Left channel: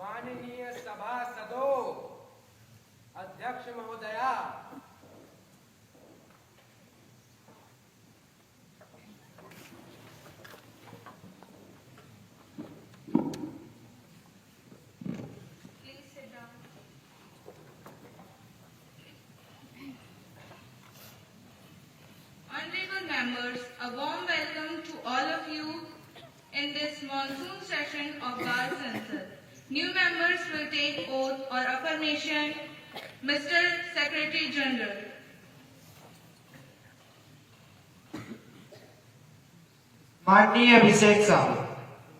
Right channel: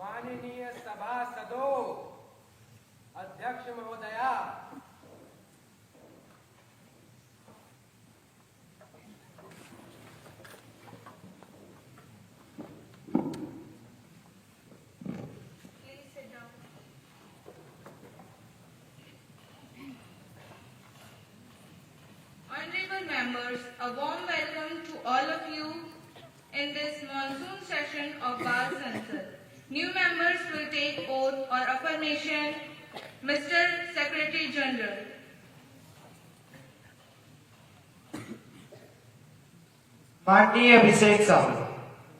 माननीय सभासदों, अध्यक्ष महोदया, Honorable members, a warm welcome to all of you in this monsoon session of Bar Censor. New members will take oath or affirmation. Mr. Secretary General. माननीय अभिषेक साहू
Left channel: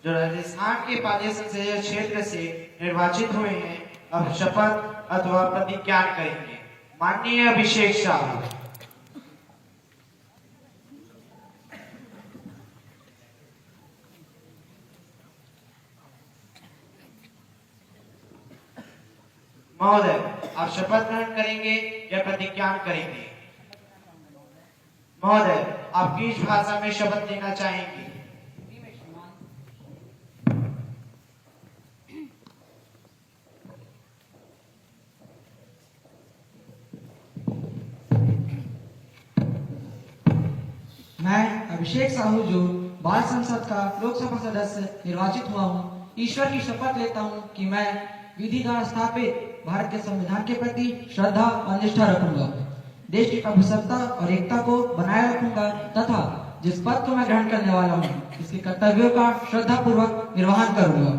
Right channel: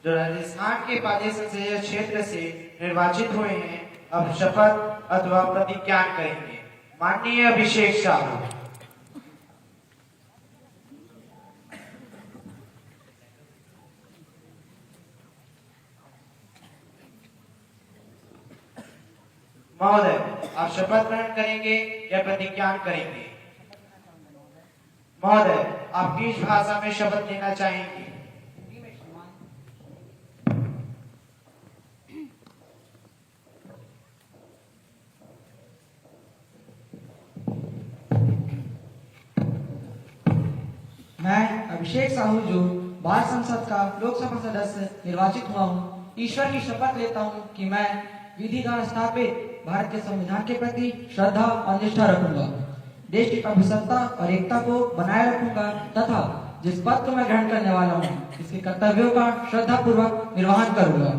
जो राजस्थान के पाली संसदीय क्षेत्र से निर्वाचित हुए हैं, अब शपथ अथवा प्रतिज्ञा करेंगे। माननीय अभिषेक साहू। महोदय, आप शपथ ग्रहण करेंगे या प्रतिज्ञा करेंगे? महोदय, आप किस भाषा में शपथ लेना चाहेंगे? मैं अभिषेक साहू जो बाल संसद का लोकसभा सदस्य निर्वाचित हुआ हूँ, ईश्वर की शपथ लेता हूँ कि मैं विधिगार स्थापित भारत के संविधान के प्रति श्रद्धा और निष्ठा रखूंगा, देश की अभिसत्ता और एकता को बनाए रखूंगा तथा जिस पद को मैं ग्रहण करने वाला हूँ, इसके कर्तव्यों का श्रद्धापूर्वक निर्वहन करूंगा।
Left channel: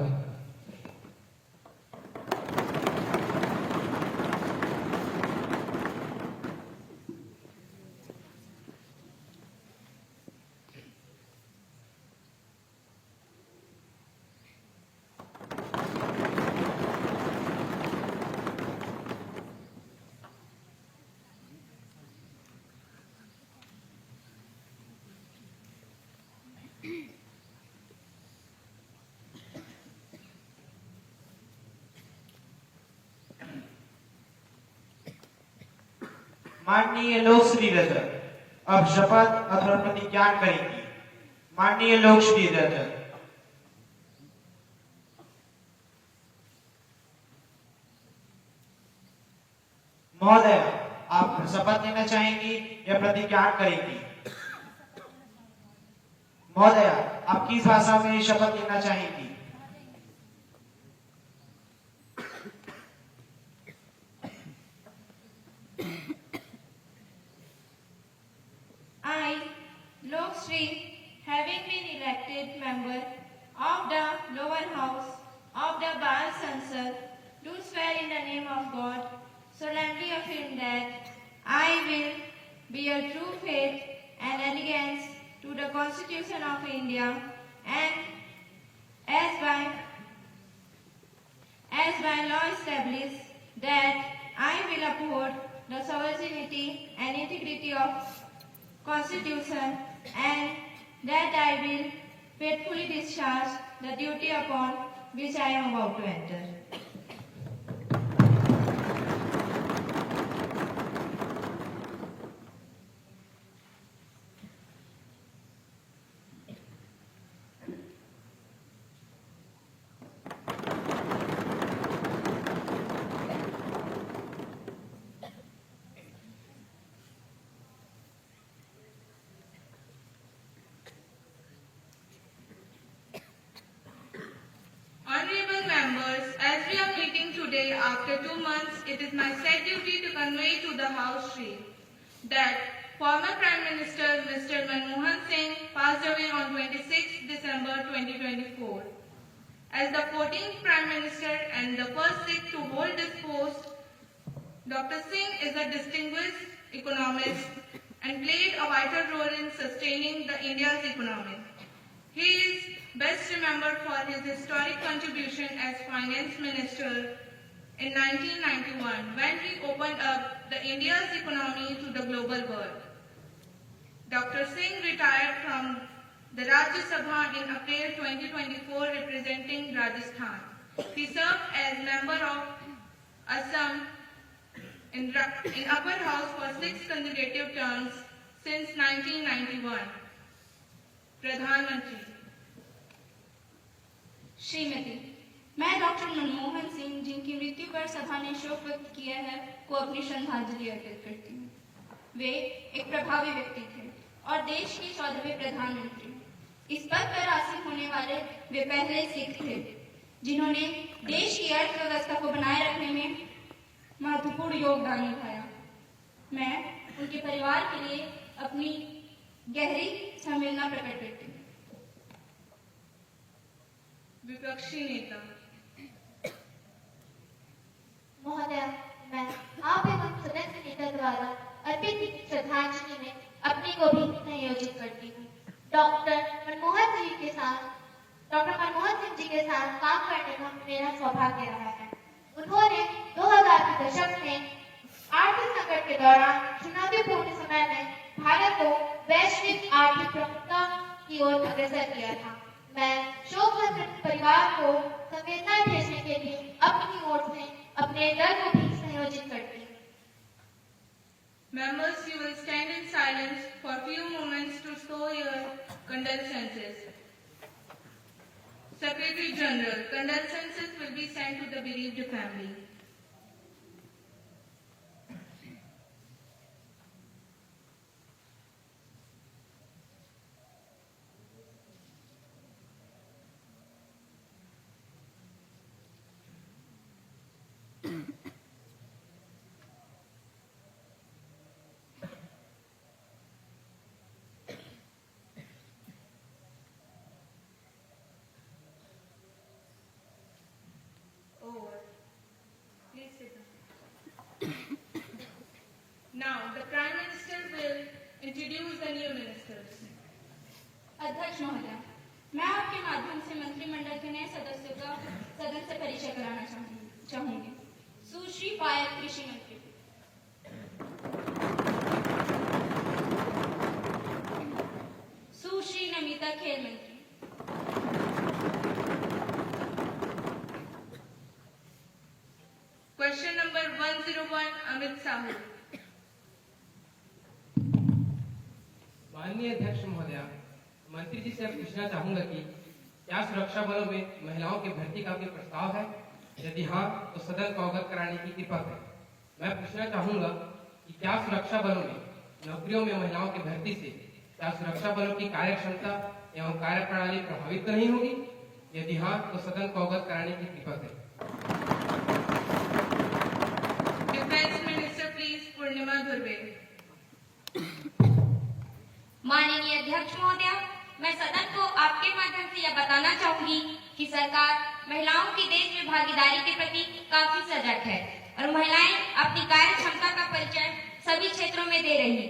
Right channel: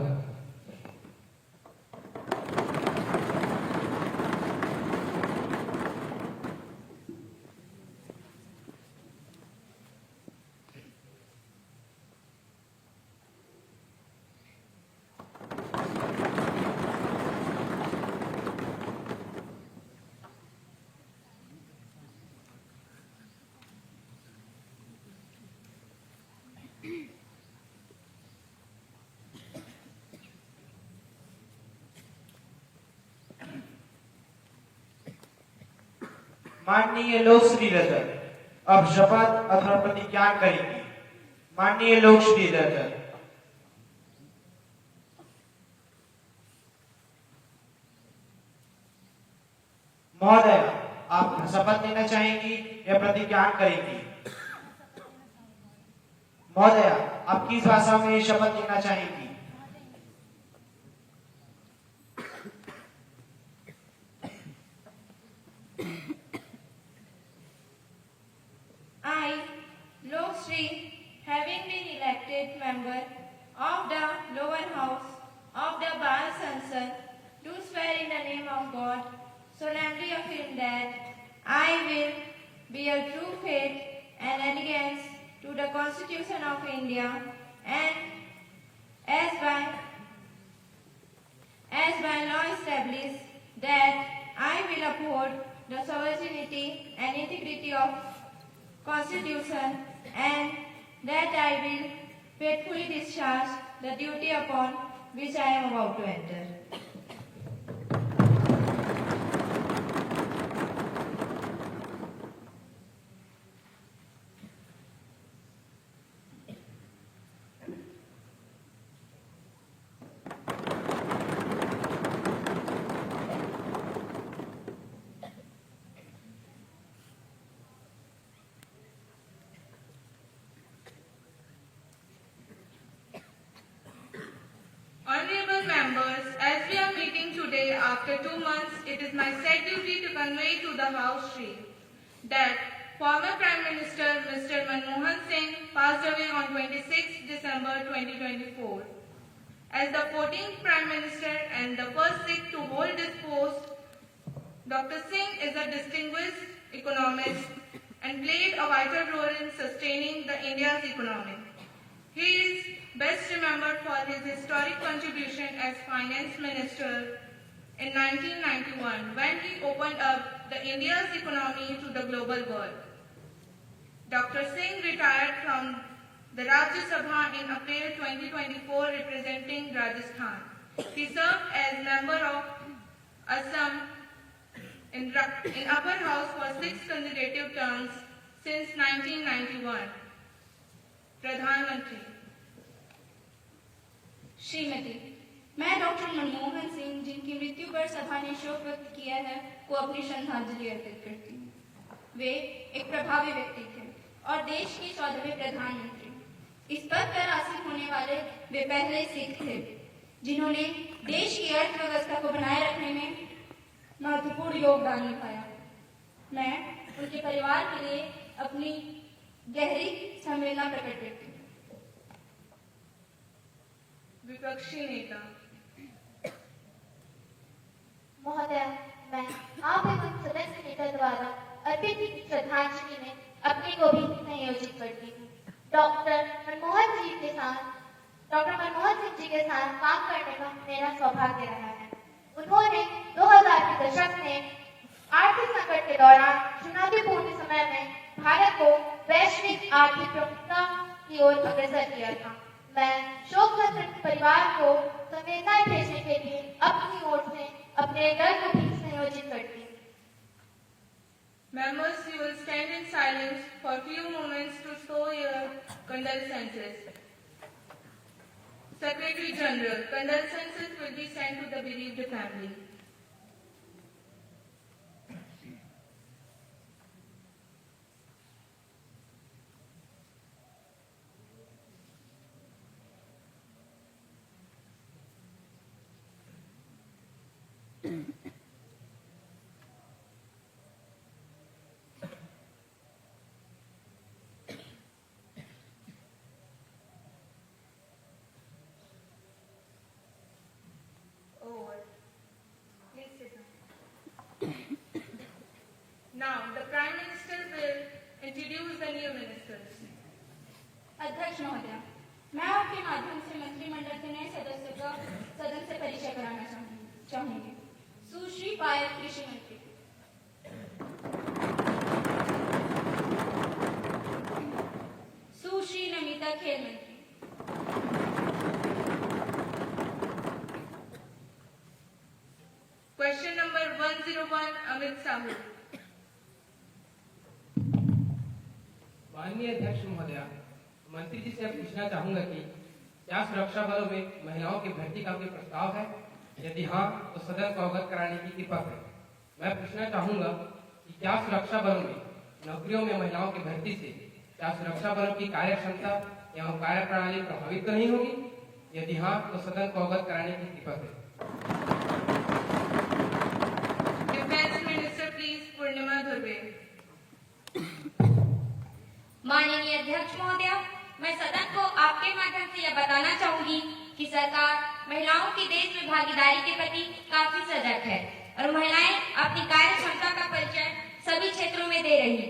माननीय लोकश्री रजक, अब शपथ अथवा प्रतिज्ञा करेंगे। माननीय लोकश्री रजक। महोदय, आप शपथ लेना चाहेंगी या प्रतिज्ञा करेंगी? महोदय, आप किस भाषा में शपथ लेना चाहेंगी? I, Lok Shri, having been elected member of the lower house of the Bar Censor, do swear in the name of God, solemnly affirm that I will bear true faith and allegiance to the Constitution of India and as by law established that I will uphold the sovereignty and integrity of Constitution and that I will faithfully discharge the duty upon which I am about to enter. Honorable members, as we are meeting today after 2 months, it is my sad duty to convey to the House Shri that former Prime Minister Mr. Manmohan Singh passed away on 26 December 2024. As the 14th Prime Minister and the first Sikh to hold this post, Dr. Singh is a distinguished economist and played a vital role in sustaining the India's economy. He is best remembered for his historic contribution as Finance Minister in 1991 when he opened up the India's economy to the global world. Dr. Singh retired from the Rajya Sabha in April 2024 representing Rajasthan. He served as member of Assam in upper house for 6 consecutive terms since 1991. प्रधानमंत्री श्रीमती, मैं doctor Manmohan जिनकी मृत्यु पर सभा ने शोक व्यक्त किया है, को अपनी श्रद्धांजलि अर्पित करती हूँ। वे एक प्रभावी व्यक्ति थे और देश के 14वें प्रधानमंत्री। इस पद पर आसीन होने वाले वे पहले सिख थे जिन्होंने देश की अर्थव्यवस्था को बनाए रखने में महत्वपूर्ण योगदान निभाया। मैं उनके परिवार के लिए अपनी गहरी संवेदना प्रकट करती हूँ। विपक्षी नेता। महोदय, मैं आप एवं सदस्य नेता द्वारा अर्पित की श्रद्धांजलि में अपने को भी संयोजित करती हूँ। डॉक्टर मनमोहन सिंह जी के साथ काम करने का मेरा सौभाग्य रहा है। उन्होंने 2000 के दशक में आर्थिक संकट के दौरान चुनौतीपूर्ण समय में भारत को वैश्विक आर्थिक प्रमुखता की ओर अग्रसर किया था। मैं शोक संतप्त परिवार को संवेदनाएं भेजने के लिए अपनी ओर से अपने दल को भी संयोजित करती हूँ। Members, you will stand in silence for few moments to show your condolences. Secretary General, condolences will be sent to the bereaved family. Please sit down. Now, the Prime Minister will introduce the new ministers. अध्यक्ष महोदय, मैं आपके माध्यम से मंत्रिमंडल के नए सदस्यों का सदन से परिचय कराना चाहूंगी। सुश्री पायल कृषि मंत्री, सुश्री नमिता खेल मंत्री, Question number 101, Amit Sahu. माननीय अध्यक्ष महोदय, मंत्री जी से पूछना चाहूंगा कि क्या सुरक्षा बलों में महिलाओं की भर्ती का कोई प्रस्ताव है? यदि हाँ, तो सदन को अवगत कराने की कृपा करें। मैं पूछना चाहूंगा कि क्या सुरक्षा बलों में नौकरियों में महिलाओं की भर्ती से क्या सुरक्षा बलों की कार्य क्षमता एवं कार्य प्रणाली प्रभावित नहीं होगी? यदि हाँ, तो सदन को अवगत कराने की कृपा करें। Defense Minister, please, Purnima Dhurve. माननीय अध्यक्ष महोदय, मैं सदन को आपके माध्यम से यह बताना चाहूंगी कि सरकार महिलाओं की देश में भागीदारी के प्रति काफी सजग है और महिलाएं अपनी कार्य क्षमता का परिचय सभी क्षेत्रों में दे रही है।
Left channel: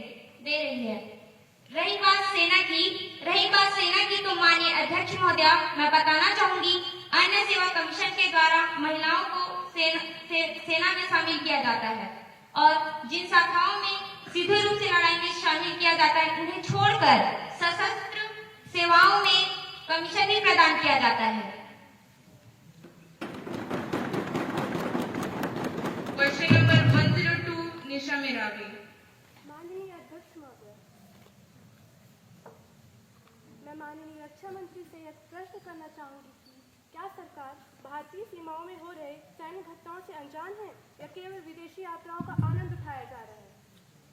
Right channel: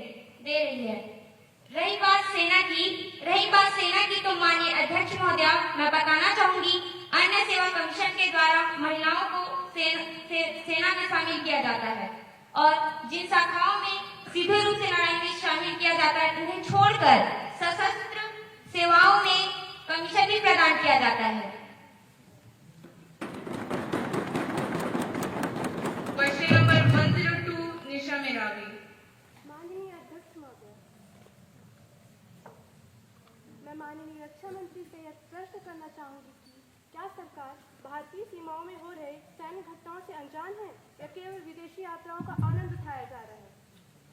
रही बात सेना की तो माननीय अध्यक्ष महोदय, मैं बताना चाहूंगी अन्य सेवा कमीशन के द्वारा महिलाओं को सेना में शामिल किया जाता है और जिन शाखाओं में सीधे रूप से लड़ाई में शामिल किया जाता है उन्हें छोड़कर सशस्त्र सेवाओं में कमीशन भी प्रदान किया जाता है। Question number 102, Nisha Meravi. माननीय अध्यक्ष महोदय, मैं माननीय रक्षा मंत्री से यह प्रश्न करना चाहूंगी कि क्या सरकार भारतीय सीमाओं में हो रहे सैन्य घटनाओं से अनजान है या केवल विदेशी यात्राओं का आनंद उठाया जा रहा है?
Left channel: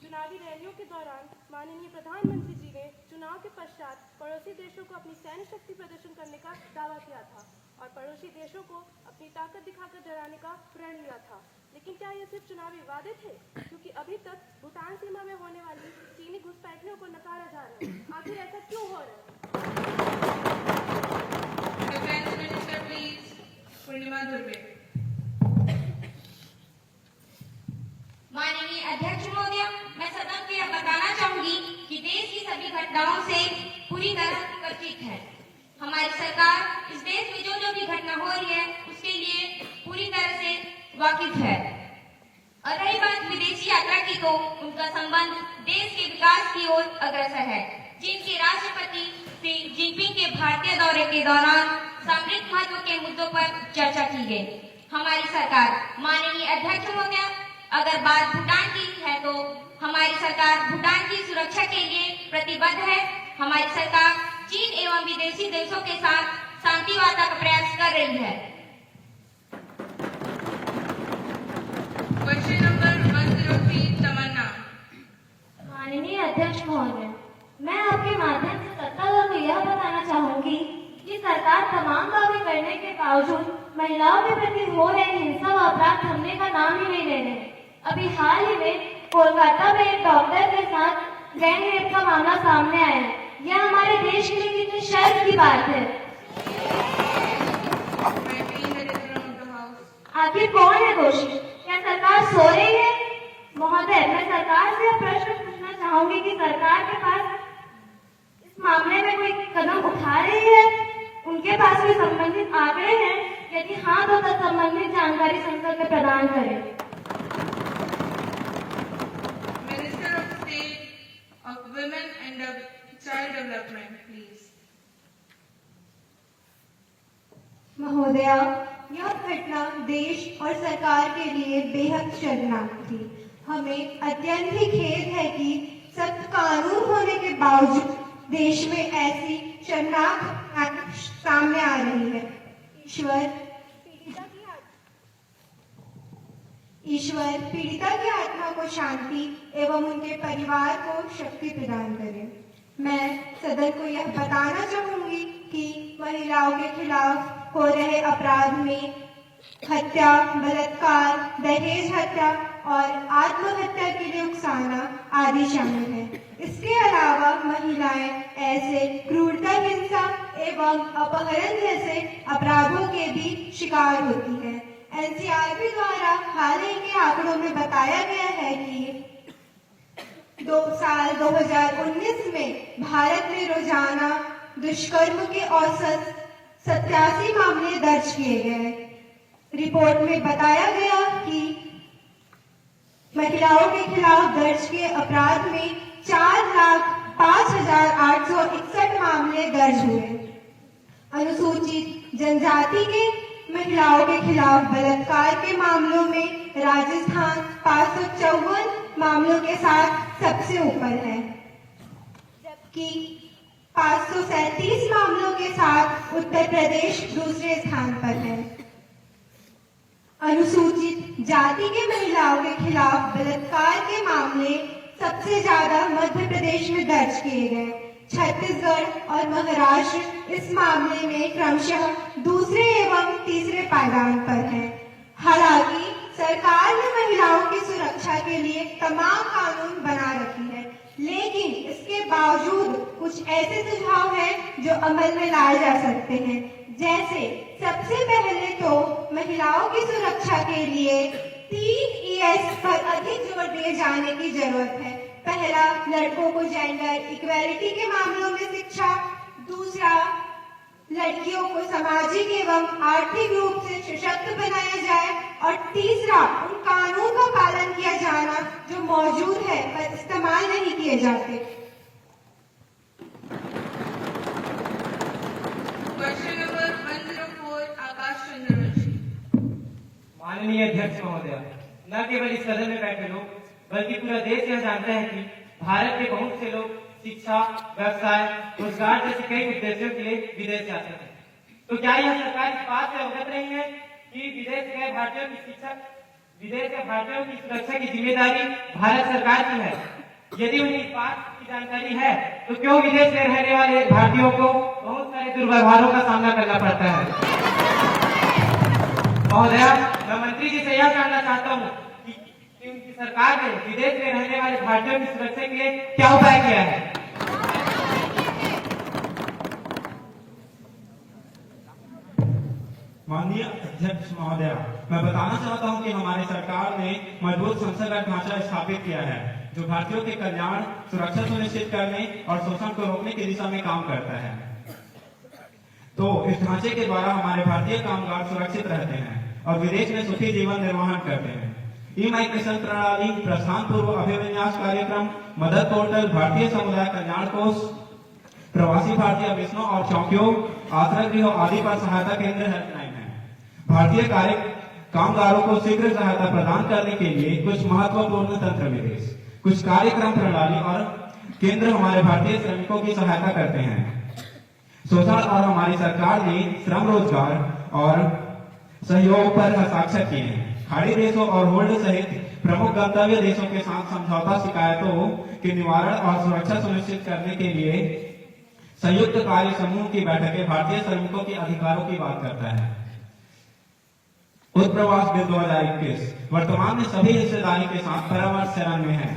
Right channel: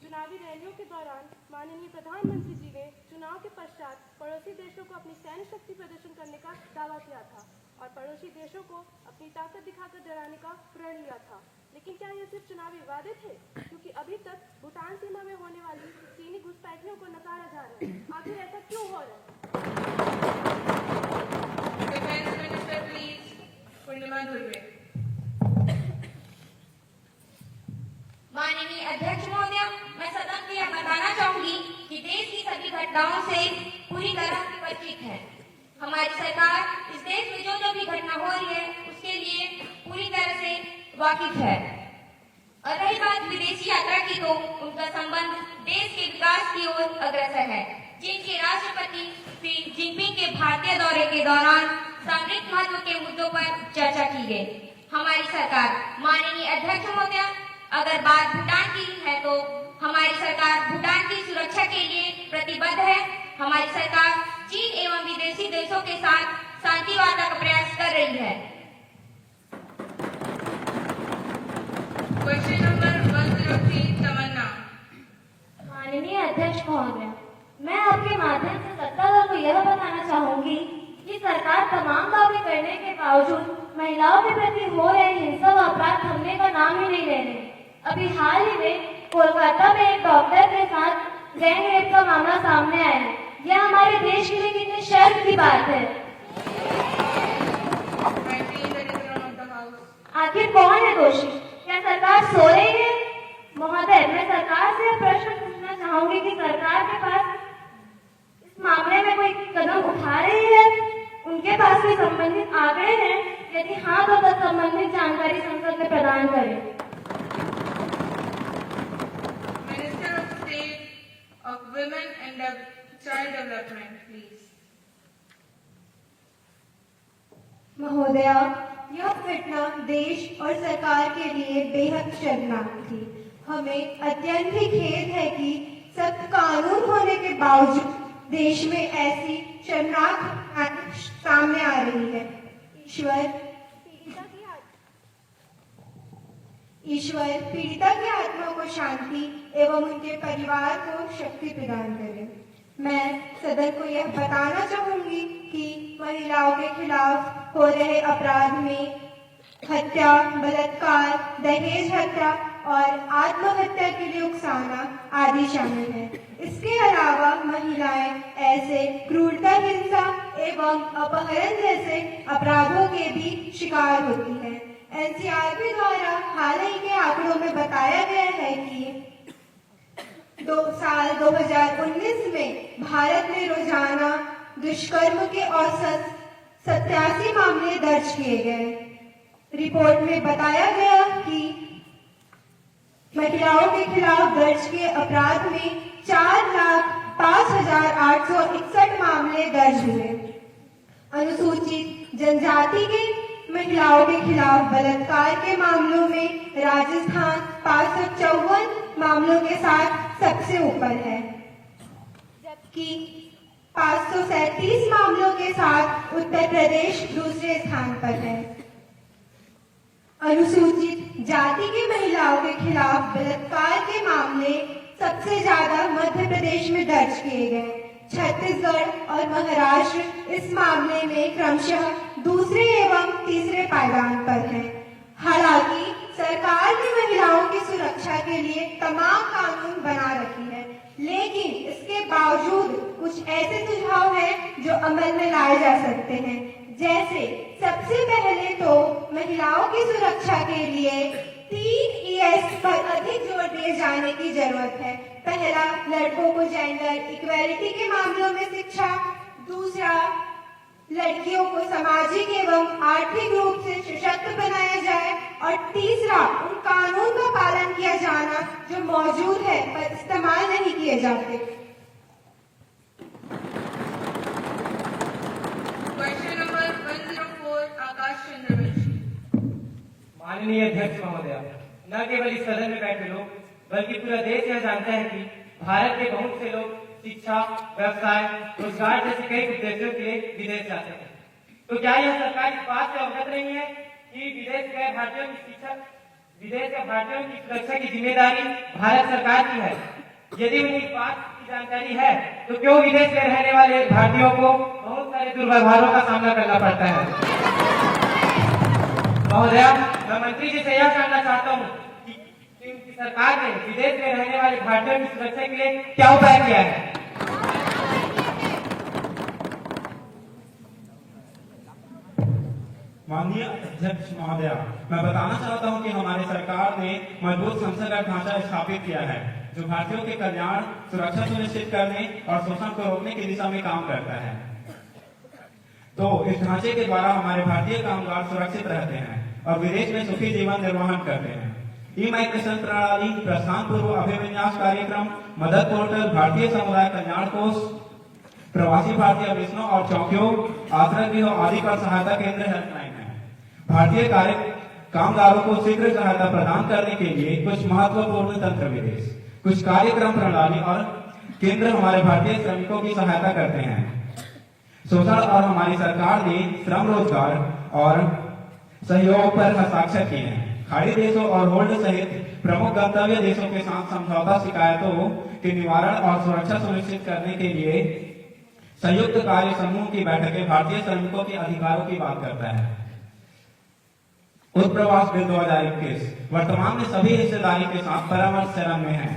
चुनावी रैलियों के दौरान माननीय प्रधानमंत्री जी ने चुनाव के पश्चात पड़ोसी देशों को अपनी सैन्य शक्ति प्रदर्शन करने का दावा किया था और पड़ोसी देशों को अपनी ताकत दिखाकर डराने का प्रण लिया था। लेकिन क्या ये सिर्फ चुनावी वादे थे? क्योंकि अभी तक भूटान सीमा में होने वाली चीनी घुसपैठियों को नकारा जा रहा है। आखिर ऐसा क्यों हो रहा है? Defense Minister, please, Purnima Dhurve. माननीय अध्यक्ष महोदय, मैं सदन को यह बताना चाहूंगी कि देश की सभी घटनाओं से पूरी तरह परिचित है। हमारी सरकार इस देश में जो भी घटना हो रही है उसके लिए पूरी तरह से वाकिफ है। और रही बात विदेशी यात्रा की तो उनका संबंध देश के विकास की ओर अग्रसर है, जिनके राष्ट्रपति श्री जिनपिंग के भारतीय दौरे के दौरान सामरिक महत्व के मुद्दों पर चर्चा की गई। हमारी सरकार, माननीय अध्यक्ष महोदय, अगर बात भूटान की है तो हमारी सरकार भूटान की सुरक्षा के लिए प्रतिबद्ध है। हमारी सरकार चीन एवं विदेशी देशों के साथ शांति वार्ता का प्रयास कर रही है। Question number 103, Tamanna. माननीय अध्यक्ष महोदय, मैं आपके माध्यम से सत्तादल को यह बताना चाहूंगी कि सरकार तमाम दावे करने के बावजूद महिलाओं के प्रति हो रहे हिंसा व अपराध थमने का नाम ही नहीं ले रहे। अभी हाल ही में कोलकाता में एक डॉक्टर के साथ गैंग रेप का मामला सामने आया है। यह हमारे देश के लिए कितनी शर्म की बात है। आखिर कौन है दोषी? क्या सरकार सो रही है? महोदय, मैं सरकार से प्रश्न पूछना चाहूंगी कि सरकार के पास इस मामले में कोई कदम उठा रही है? उनके पास कोई संबंधित आंकड़े हैं? यदि हाँ, तो संबंधित जानकारी संसद में प्रदान करें। Minister of State of Women and Child Development, please. महोदया, यह घटना देश और सरकार के लिए बेहद शर्मनाक थी। हमें अत्यंत ही खेद है कि सख्त कानून होने के बावजूद देश में ऐसी शर्मनाक घटना सामने आ रही है। ईश्वर पीड़िता की आत्मा को शांति एवं उनके परिवार को शक्ति प्रदान करे। मैं सदन को यह बताना चाहूंगी कि महिलाओं के खिलाफ हो रहे अपराध में हत्या, बलात्कार, दहेज हत्या और आत्महत्या के लिए उकसाना आदि शामिल है। इसके अलावा महिलाएं ऐसे क्रूरता, हिंसा एवं अपहरण जैसे अपराधों के भी शिकार होती है। एनसीआरबी द्वारा हाल ही के आंकड़ों में बताया गया है कि साल 2019 में भारत में रोजाना दुष्कर्म के औसत 87 मामले दर्ज किए गए। रिपोर्ट में बताया गया कि महिलाओं के खिलाफ दर्ज किए अपराध में 4,05,861 मामले दर्ज हुए। अनुसूचित जनजाति के महिलाओं के खिलाफ बलात्कार के मामलों में राजस्थान 554 मामलों के साथ सबसे ऊपर है, जबकि 537 मामलों के साथ उत्तर प्रदेश दूसरे स्थान पर है। अनुसूचित जाति के महिलाओं के खिलाफ बलात्कार के मामले सबसे ज्यादा मध्य प्रदेश में दर्ज किए गए। छत्तीसगढ़ और महाराष्ट्र इस मामले में क्रमशः दूसरे एवं तीसरे पायदान पर है। हालांकि सरकार ने महिलाओं की सुरक्षा के लिए तमाम कानून बना रखी है, लेकिन इसके बावजूद कुछ ऐसे सुझाव हैं जो अमल में लाए जा सकते हैं। जैसे सबसे पहले तो महिलाओं की सुरक्षा के लिए 3 ES पर अधिक जोर दिए जाने की जरूरत है। पहला, लड़कों को जेंडर इक्वालिटी के मामलों में शिक्षा। दूसरा, लड़कियों को सामाजिक एवं आर्थिक रूप से सशक्त बनाया जाए। और तीसरा, उन कानून का पालन किया जाना जो मौजूद है पर इस्तेमाल नहीं किए जाते। Question number 104, Akash Chandra Rishi. माननीय अध्यक्ष महोदय, न केवल इस सदन में बैठे लोग बल्कि पूरा देश यह जानते हैं कि भारत के बहुत से लोग शिक्षा, व्यवसाय, रोजगार जैसे कई उद्देश्यों के लिए विदेश जाते हैं। तो क्या यह सरकार इस बात से अवगत नहीं है कि विदेश गए भारतीयों की सुरक्षा की जिम्मेदारी भारत सरकार की है? यदि उन्हें इस बात की जानकारी है तो क्यों विदेश में रहने वाले भारतीयों को बहुत सारे दुर्व्यवहारों का सामना करना पड़ता है? महोदया, मैं मंत्री जी से यह जानना चाहता हूँ कि उनकी सरकार ने विदेश में रहने वाले भारतीयों की सुरक्षा के लिए क्या उपाय किया है? माननीय अध्यक्ष महोदया, मैं बताना चाहता हूं कि हमारी सरकार ने मजबूत संसदीय ढांचा स्थापित किया है जो भारतीयों के कल्याण, सुरक्षा सुनिश्चित करने और शोषण को रोकने की दिशा में काम करता है। तो इस ढांचे के द्वारा हमारे भारतीय कामगार सुरक्षित रहते हैं और विदेश में सुखी जीवन निर्वहन करते हैं। ई-माइग्रेशन प्रणाली, प्रस्थान पूर्व अभिविन्यास कार्यक्रम, मदद पोर्टल, भारतीय समुदाय कल्याण कोष, प्रवासी भारतीय मिशनों और चौकियों, आश्रय गृह आदि पर सहायता केंद्र हेल्पलाइन है। भारतीय कामगारों को शीघ्र सहायता प्रदान करने के लिए कुछ महत्वपूर्ण तंत्र विशेष, कुछ कार्यक्रम प्रणाली और केंद्र हमारे भारतीय श्रमिकों की सहायता करते हैं। शोषण और हमारी सरकार ने श्रम, रोजगार और सहयोग पर हस्ताक्षर किए हैं। खाड़ी देशों और होल्ड सहित प्रमुख गंतव्य देशों के साथ समझौता शिकायतों के निवारण और सुरक्षा सुनिश्चित करने के लिए संयुक्त कार्य समूह की बैठकें भारतीय श्रमिकों के अधिकारों की बात करता है। उत्प्रवास बिल 2021 वर्तमान में सभी हिस्सेदारी के साथ परामर्श चरण में है।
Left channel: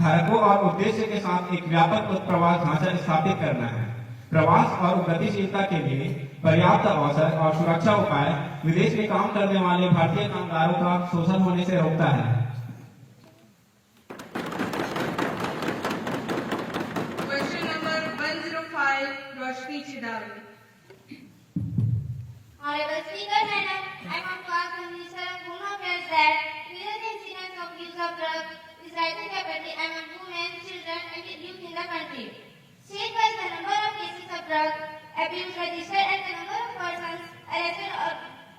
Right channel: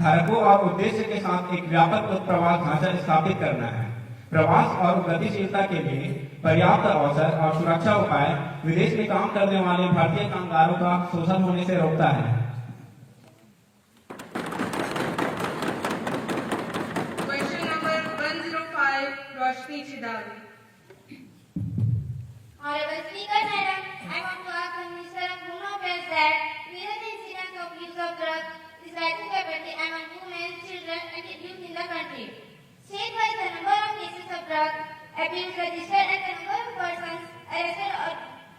धारकों और उद्देश्य के साथ एक व्यापक उत्प्रवास ढांचा स्थापित करना है। प्रवास और गतिशीलता के लिए पर्याप्त अवसर और सुरक्षा उपाय विदेश में काम करने वाले भारतीय कामगारों का शोषण होने से रोकता है। Question number 105, Roshni Chidavi. Honorable Speaker, Madam, I want to ask the Minister of Home Affairs that recent incidents of use of drugs is rising rapidly among women, children, and youth in the country. State-wise, the number of cases of drug abuse registered and the number of persons arrested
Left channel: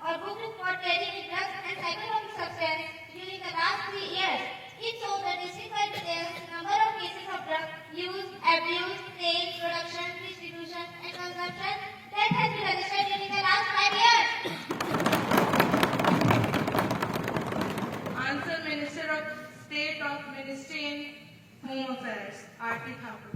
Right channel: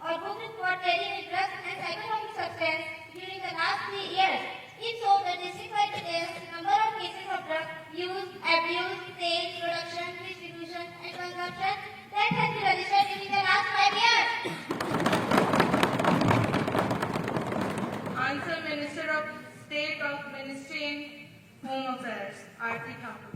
or booked for trading in drugs and psychotropic substances during the last 3 years. If so, the district-wide details the number of cases of drug use, abuse, sale, production, distribution, and consumption that has been registered during the last 5 years. Answer, Minister of State of Ministry Home Affairs, R.T. Thakur.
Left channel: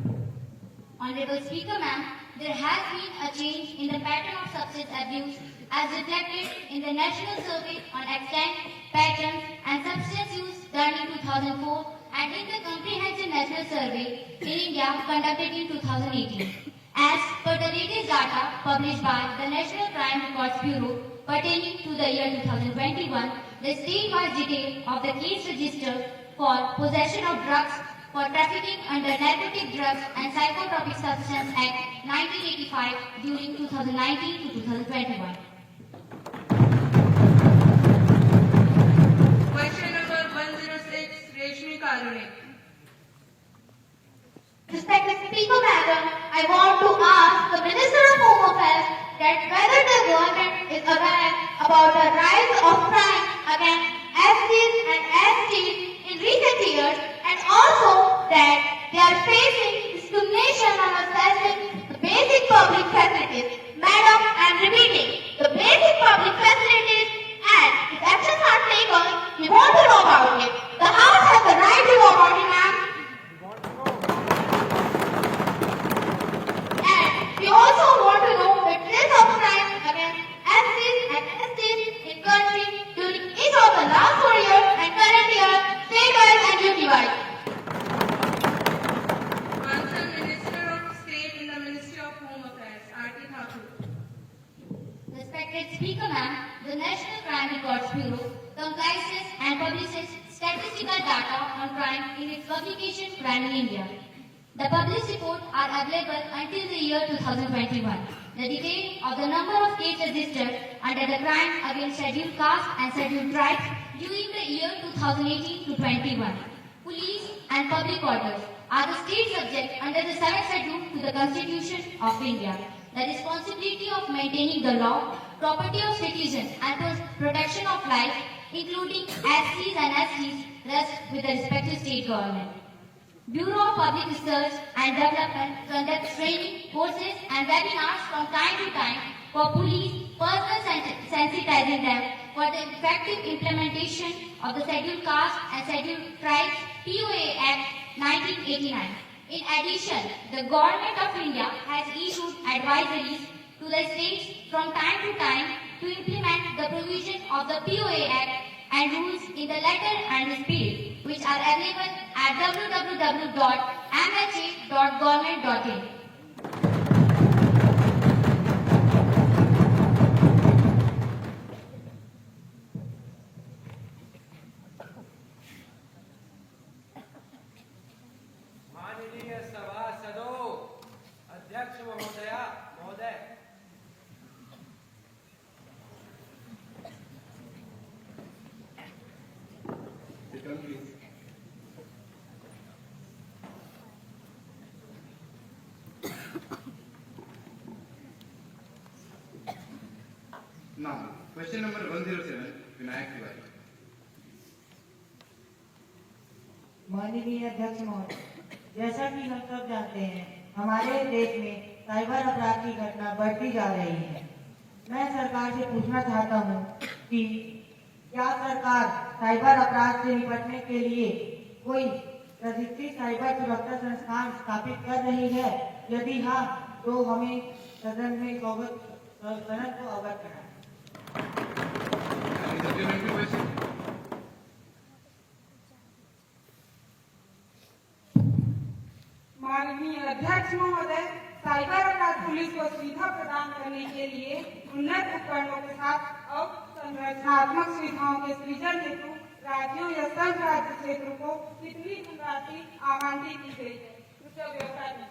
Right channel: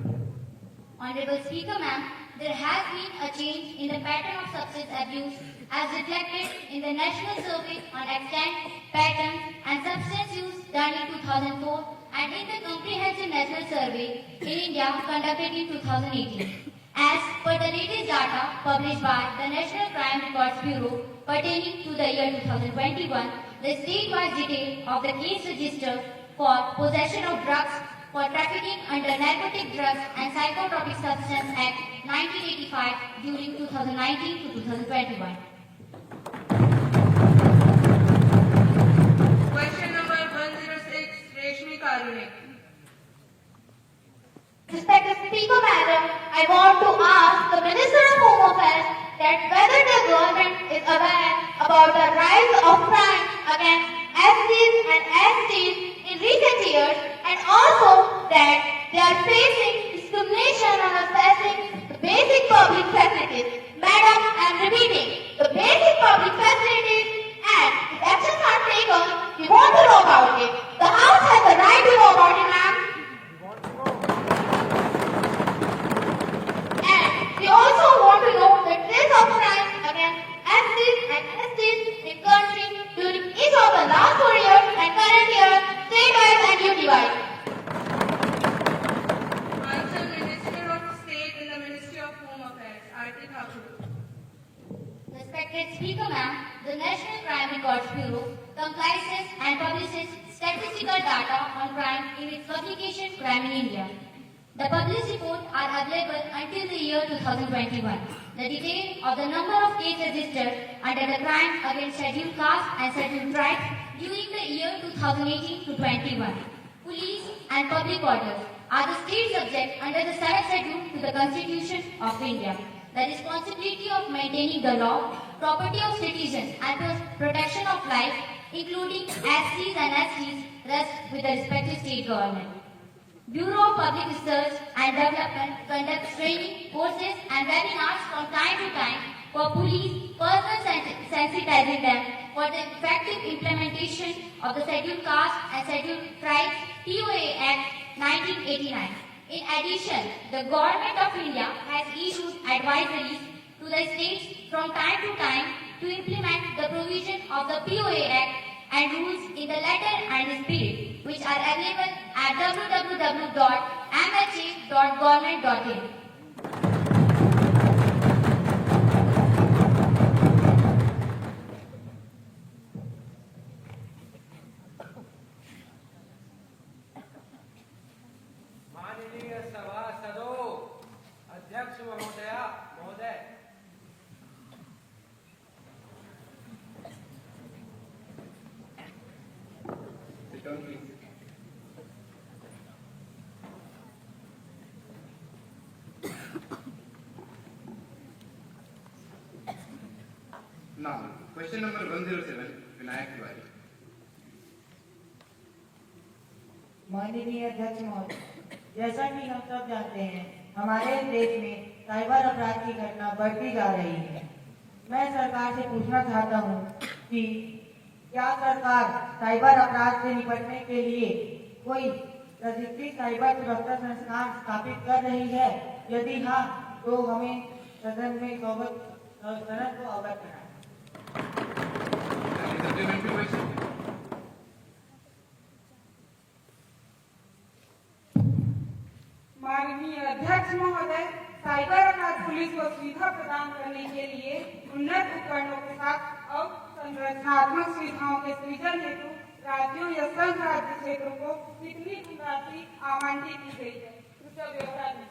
Honorable Speaker, ma'am, there has been a change in the pattern of substance abuse as reflected in the National Survey on Extent, Patterns and Substance Use done in 2004 and in the Comprehensive National Survey in India conducted in 2018. As per the latest data published by the National Crime Records Bureau pertaining to the year 2021, the statewide detail of the case registered for possession of drugs for trafficking under Narcotic Drugs and Psychotropic Substance Act 1985 during 2019 to 2021. Question number 106, Reshmi Karune. Respected Speaker, Madam, I want to ask the Minister of Home Affairs that whether the government is aware about the rise of crime against SCs and STs in recent years, and also that they are facing discrimination on assessing the basic public facilities. Madam, I am repeating, the basic public facilities, and if actions are taken, we want to know about it. The House has the right to know about it, ma'am. And we also want to know the trace of crime against SCs and STs in country during each of the last 4 years and current year, state-wise and duty-wise. Answer, Minister of State in the Ministry of Home Affairs, R.T. Thakur. Respected Speaker, ma'am, the National Crime Records Bureau compiles and publishes statistical data on crime in its publication Crime in India. The published reports are available until the year 2021. The detail of the number of cases registered under the crime against scheduled castes and scheduled tribes during the year 2018 to 21. Police and public orders are the state subject under the 7th schedule to the Constitution of India. The responsibility of maintaining the law, property of citizens and protection of life, including SCs and STs, rests with the respective state government. Bureau of Public Research and Development conducts training, courses and webinars from time to time for police, personally sensitizing them for the effective implementation of the Scheduled Caste and Scheduled Tribes POA Act 1989. In addition, the Government of India has issued advisories to the states from time to time to implement the provisions of the POA Act and rules in the letter and the spirit, which are available at www.mha.government.in. माननीय सभासदों, अध्यक्ष महोदय, Now, question number 107, Vinayak Tiwari. माननीय अध्यक्ष महोदय, जैसा कि हम सब जानते हैं, हमारे देश में साइबर अपराध की घटना बढ़ती जा रही है। मैं सरकार से पूछना चाहता हूं कि क्या सरकार साइबर अपराध से निपटने के लिए कोई अधिकृत साइबर सुरक्षा संस्थान स्थापित कर रही है? यदि हाँ, तो हमें सदन को अवगत कराएं। Supplementary question. माननीय अध्यक्ष महोदय, साइबर अपराध पुलिस को सुविधा प्रदान करने के लिए उन्नत उपकरणों के साथ और संरचनात्मक सुविधाओं के सृजन हेतु राज्यों या संघ राज्य क्षेत्रों को कितनी धनराशि आवंटित की गई है? कृपया ब्यौरा दें।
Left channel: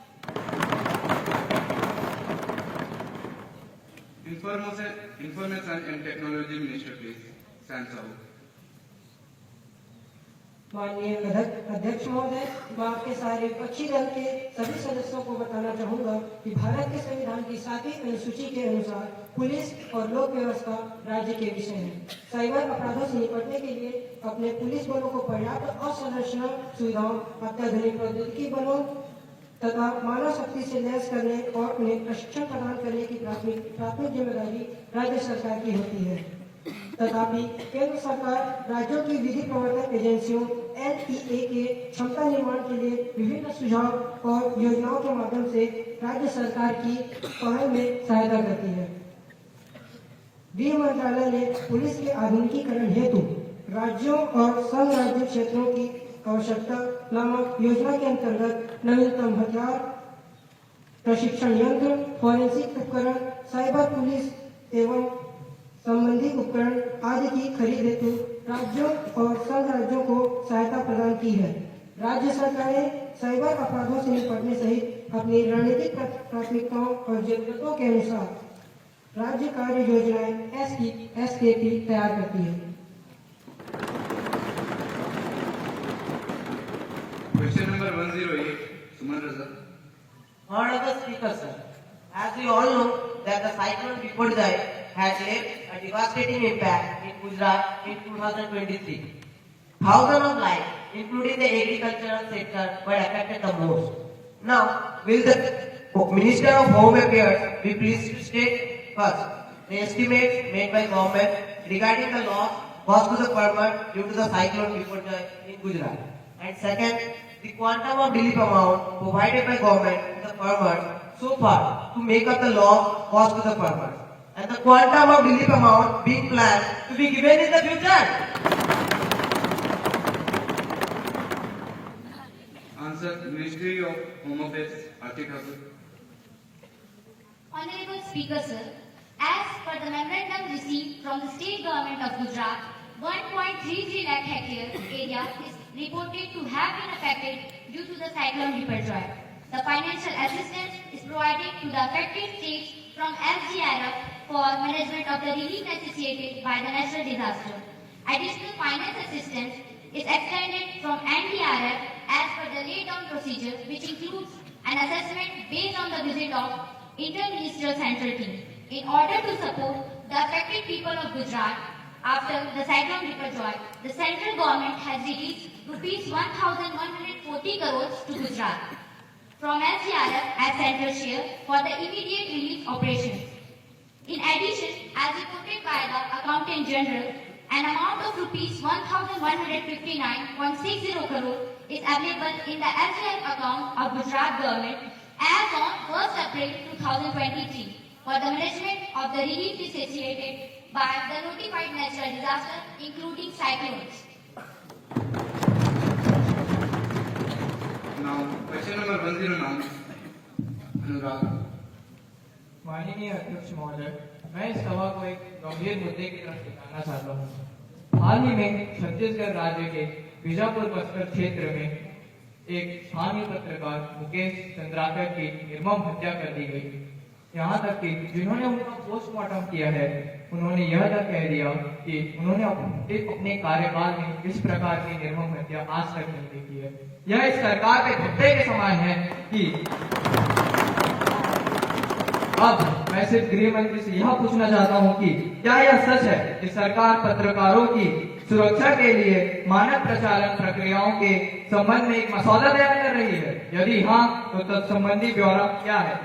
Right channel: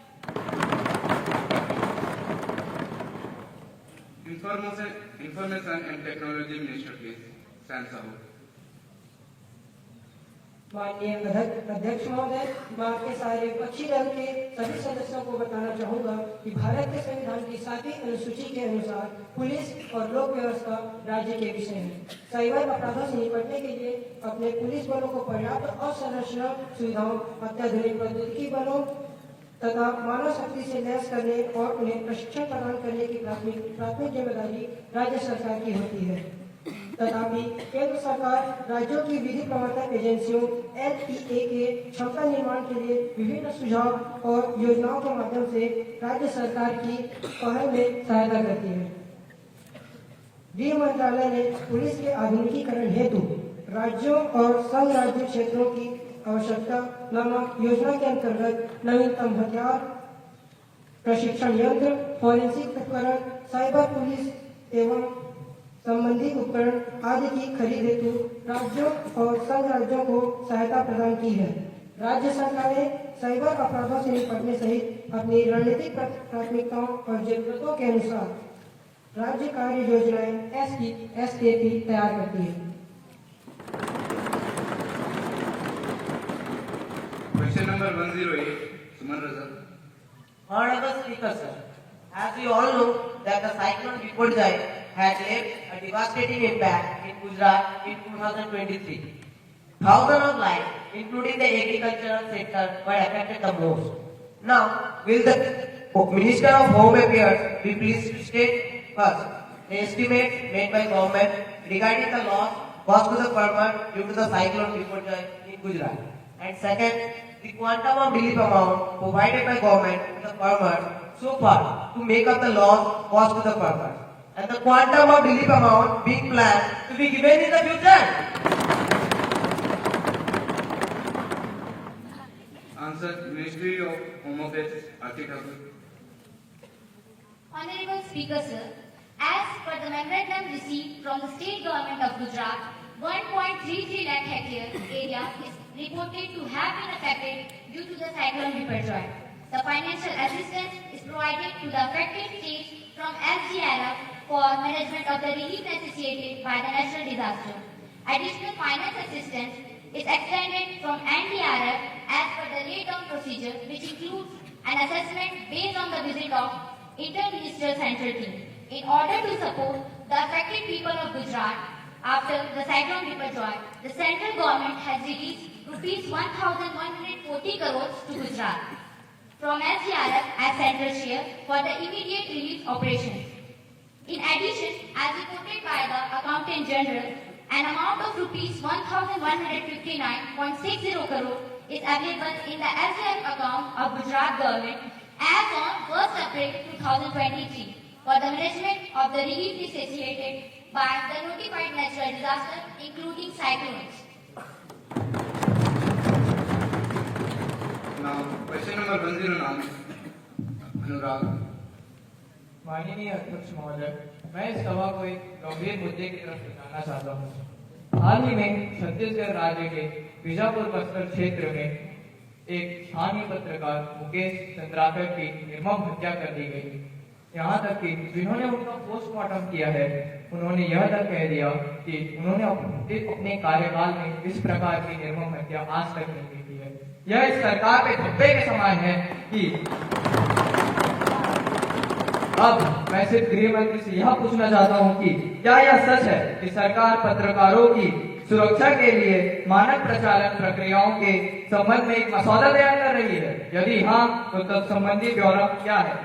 Information and Technology Minister, please. Stands out. माननीय अध्यक्ष महोदय, मैं आपके सारे विपक्षी दल के सभी सदस्यों को बताना चाहूंगा कि भारत के संविधान की 7वीं अनुसूची के अनुसार पुलिस और लोक व्यवस्था राज्य के विषय है। साइबर अपराधों से निपटने के लिए अपने पुलिस बलों को पर्याप्त अवसंरचना सुविधाओं, अत्याधुनिक प्रौद्योगिकी बलों तथा मानव शक्ति से लैस करने और उन्हें प्रशिक्षण प्रदान करने की प्राथमिक जिम्मेदारी राज्य सरकार की होती है। तथापि केंद्र सरकार राज्यों की विधि प्रवर्तन एजेंसियों NPA के क्षमता निर्माण के लिए विभिन्न सुझाव और योजनाओं के माध्यम से राज्य सरकार की पहल में सहायता करती है। गृह मंत्रालय ने पुलिस के आधुनिकीकरण हेतु राज्यों और संघ राज्य क्षेत्रों की आवश्यकता नामक योजना के अंतर्गत नवीनतम हथियार, प्रशिक्षण यंत्र, फॉरेंसिक उपकरण, साइबर पुलिस एवं संबंधित उपकरण आदि की खरीद हेतु राज्यों और संघ राज्यों को सहायता प्रदान की है। राज्य सरकारें साइबर अपराधों से निपटने सहित अपनी रणनीतिक प्राथमिकताओं और जरूरतों के अनुसार राज्य कार्य योजनाएं SKP तैयार करती है। Question number 108, Suman Razak. Honorable Speaker, sir, as we all know that the cyclone Biparjoy has left a devastating impact in Gujarat in 2023. Thousands of lives, including the agricultural sector, were affected the most. Now, will the Minister of Home Affairs be pleased to state first the estimates made by government regarding the loss caused to the farmer due to the cyclone Biparjoy in Gujarat, and second, the quantum of relief amount provided by government to the farmers so far to make up the loss caused to the farmers, and the quantum of relief amount being planned to be given in the future. Answer, Ministry of Home Affairs, Aarti Thakur. Honorable Speaker, sir, as per the memorandum received from the state government of Gujarat, 1.33 lakh hectare area is reported to have been affected due to the cyclone Biparjoy. The financial assistance is provided to the affected states from SDRF for management of the relief necessitated by the natural disaster. Additional finance assistance is extended from NDRF as per the laid-down procedure, which includes an assessment based on the visit of Inter-Ministerial Central Team. In order to support the affected people of Gujarat after the cyclone Biparjoy, the central government has released rupees 1,140 crores to Gujarat from SDRF as central share for the immediate relief operations. In addition, as reported by the Accountant General, an amount of rupees 1,159.60 crore is available in the SDRF account of Gujarat government as on 1st April 2023 for the management of the relief necessitated by the notified natural disaster, including cyclones. Now, question number 109, Anurag. माननीय अध्यक्ष महोदय, मैं इस सभा को एक गंभीर मुद्दे की तरफ दिखाना चाहता हूँ। हाल ही में छत्तीसगढ़ राज्य के बीजापुर बस्तर क्षेत्र में एक स्थानीय पत्रकार मुकेश चंद्राकर की निर्मम हत्या कर दी गई। यहाँ तक कि जिन्होंने उनका पोस्टमार्टम किया है, उन्होंने यह तक कह दिया कि उन्होंने अपने कार्यकाल में इस प्रकार की निर्मम हत्या आज तक नहीं की है। यह इस सरकार के धब्बे के समान है कि अब मैं सिर्फ गृह मंत्री से यह पूछना चाहता हूं कि क्या यह सच है कि सरकार पत्रकारों की सुरक्षा के लिए मानक प्रचालन प्रक्रियाओं के संबंध में एक मसौदा तैयार कर रही है? यदि हाँ, तो तत्संबंधी ब्यौरा क्या है?